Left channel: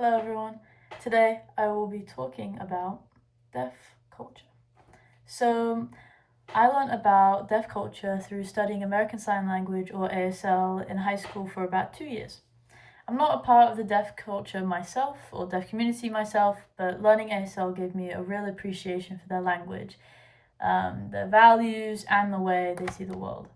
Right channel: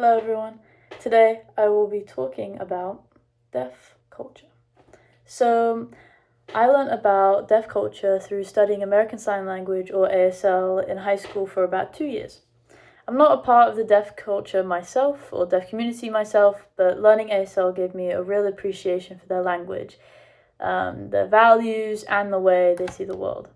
Hello everyone. Today I will be talking about deaf culture. So, I learned about deaf culture through studying American Sign Language or ASL in high school for about 2 years. I'm not a part of the deaf culture myself or deaf community myself, but learning ASL gave me a real appreciation for their language, their values, and the way they see the world.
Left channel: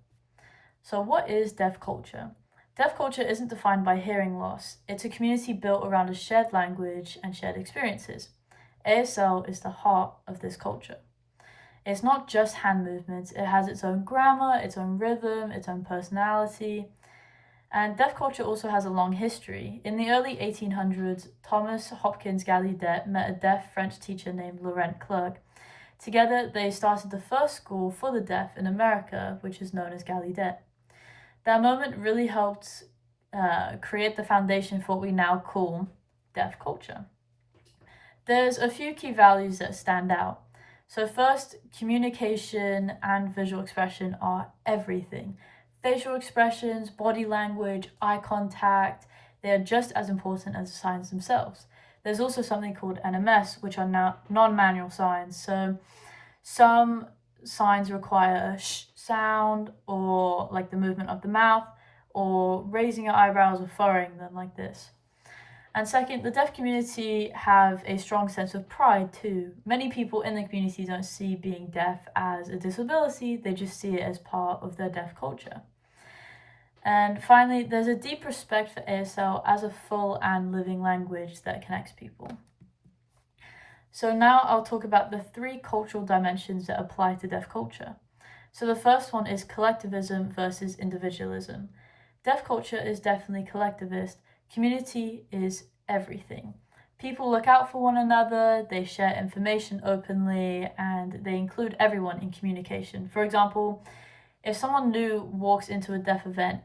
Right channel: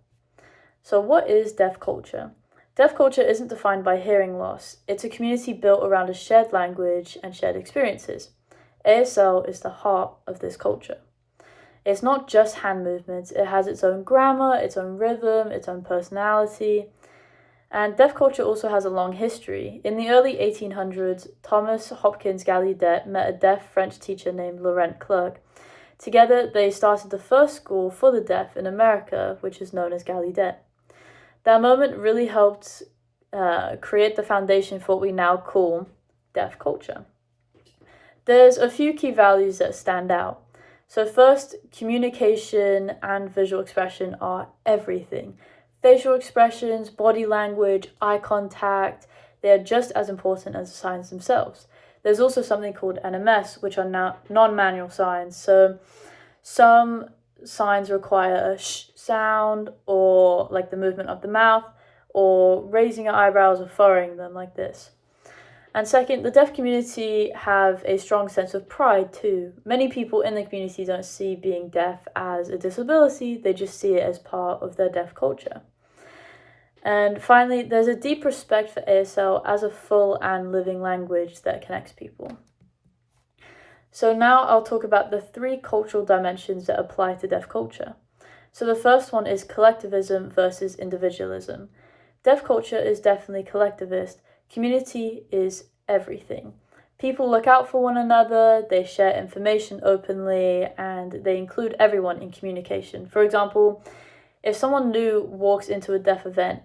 So, what is deaf culture? Deaf culture isn't defined by hearing loss, it's a community built around a shared language and shared experiences. ASL is the heart of this culture. It's not just hand movements, it has its own grammar, its own rhythm, its own personality. And deaf culture also has a long history. In the early 1800s, Thomas Hopkins Gallaudet met a deaf French teacher named Laurent Clerc. Together, they started the first school for the deaf in America, which is known as Gallaudet. That moment really helped create the foundation for what we now call deaf culture. There's a few key values that stand out. So first, communication and visual expression are everything. Facial expressions, body language, eye contact, they are just as important as the signs themselves. There's also something called NMS, which are now non-manual signs. So some signs require a sh sound, or like the movement of the mouth, or raising your eyebrows or furrowing them like this. And second, the deaf community have a strong sense of pride too. Many people in the community don't see being deaf as a disability, they just see it as part of their deaf culture. And finally, there's a deep respect for ASL as a full and living language that connects people. So now I'll talk about the three cultural dimensions that apply to deaf culture. So the first one is collectivism versus individualism. Deaf culture is definitely collectivist. Community is everything. People look out for one another, they share information openly, and they include everyone in communication. For example, if someone new walks into a deaf event,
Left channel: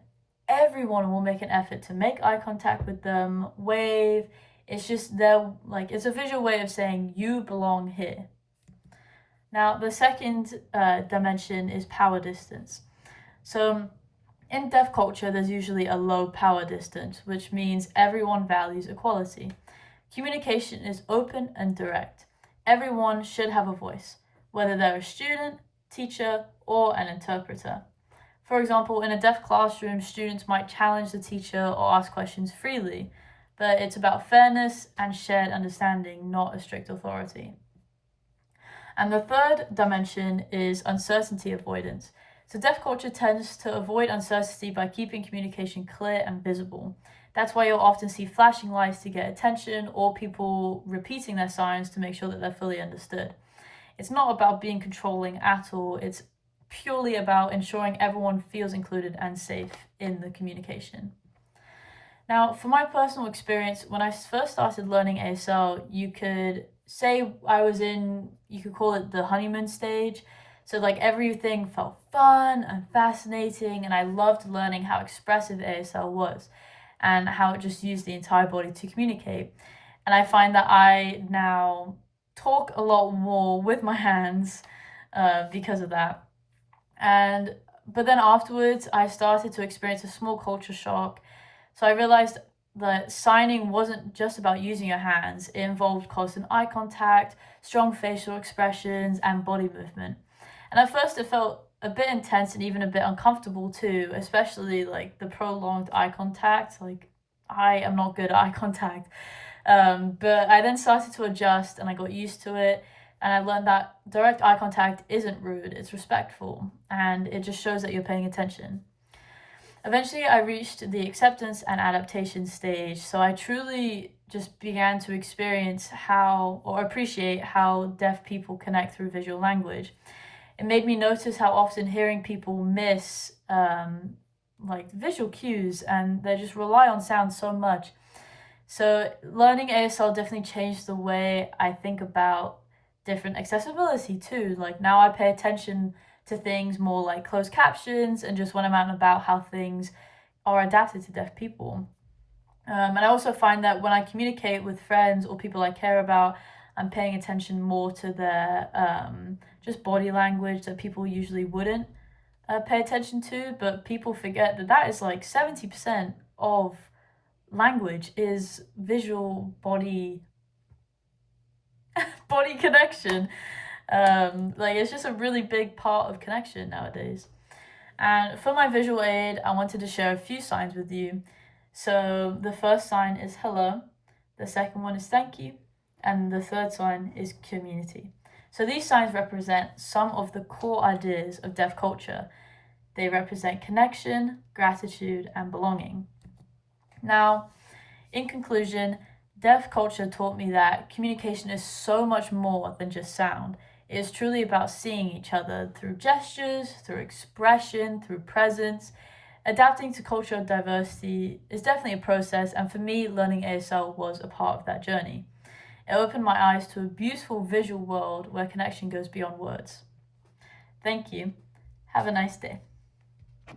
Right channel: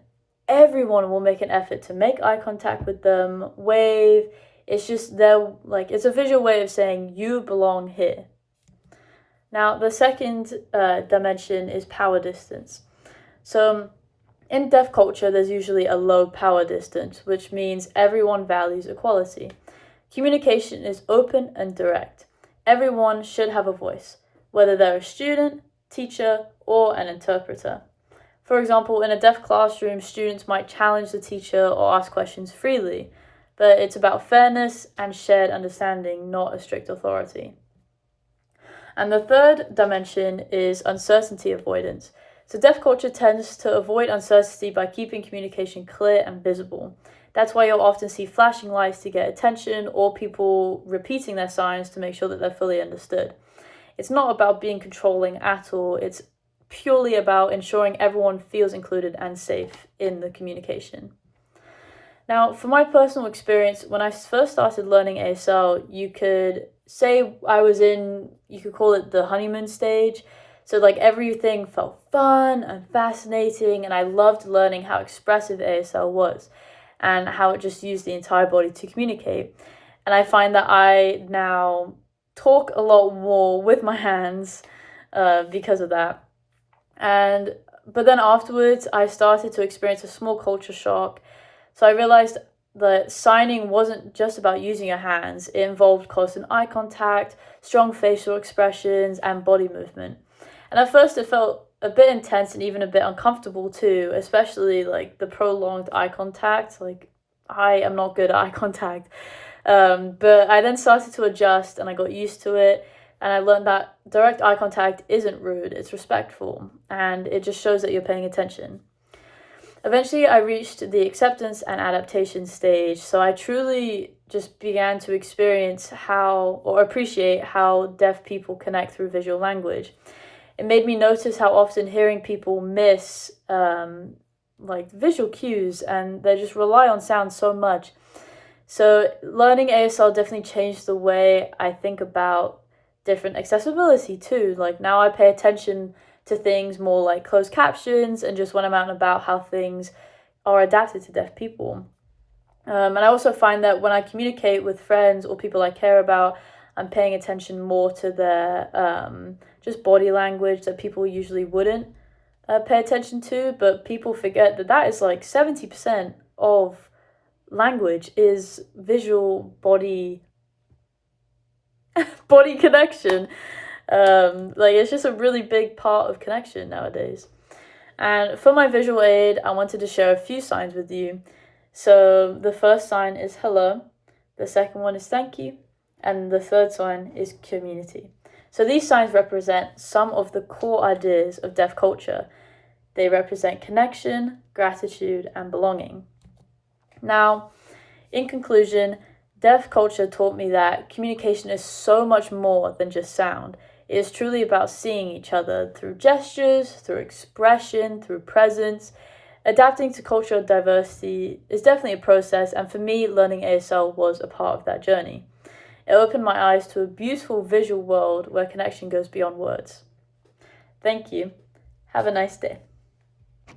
everyone will make an effort to make eye contact with them, wave. It's just it's a visual way of saying you belong here. Now, the second dimension is power distance. So, in deaf culture, there's usually a low power distance, which means everyone values equality. Communication is open and direct. Everyone should have a voice, whether they're a student, teacher, or an interpreter. For example, in a deaf classroom, students might challenge the teacher or ask questions freely, but it's about fairness and shared understanding, not a strict authority. And the third dimension is uncertainty avoidance. So deaf culture tends to avoid uncertainty by keeping communication clear and visible. That's why you'll often see flashing lights to get attention, or people repeating their signs to make sure that they're fully understood. It's not about being controlling at all, it's purely about ensuring everyone feels included and safe in the communication. Now, from my personal experience, when I first started learning ASL, you could say you could call it the honeymoon stage. So everything felt fun and fascinating, and I loved learning how expressive ASL was and how it just used the entire body to communicate. And I find that I now talk a lot more with my hands because of that. But then afterwards, I started to experience a small culture shock. So I realized that signing wasn't just about using your hands. It involved constant eye contact, strong facial expressions, and body movement. And at first it felt a bit intense and even a bit uncomfortable too, especially the prolonged eye contact. I am not good at eye contact. But I then started to adjust and I got used to it. And I learned that direct eye contact isn't rude, it's respectful. And it just shows that you're paying attention. Eventually, I reached the acceptance and adaptation stage, so I truly just began to experience appreciate how deaf people connect through visual language. It made me notice how often hearing people miss visual cues, and they just rely on sound so much. So learning ASL definitely changed the way I think about different accessibility too. Now I pay attention to things more like closed captions and just when I'm out and about, how things are adapted to deaf people. And I also find that when I communicate with friends or people I care about, I'm paying attention more to their just body language that people usually wouldn't pay attention to, but people forget that is 70% of language is visual body connection. It's just a really big part of connection nowadays. And for my visual aid, I wanted to share a few signs with you. So the first sign is hello, the second one is thank you, and the third sign is community. So these signs represent some of the core ideas of deaf culture. They represent connection, gratitude, and belonging. Now, in conclusion, deaf culture taught me that communication is so much more than just sound. It is truly about seeing each other through gestures, through expression, through presence. Adapting to cultural diversity is definitely a process, and for me, learning ASL was a part of that journey. It opened my eyes to a beautiful visual world where connection goes beyond words. Thank you. Have a nice day.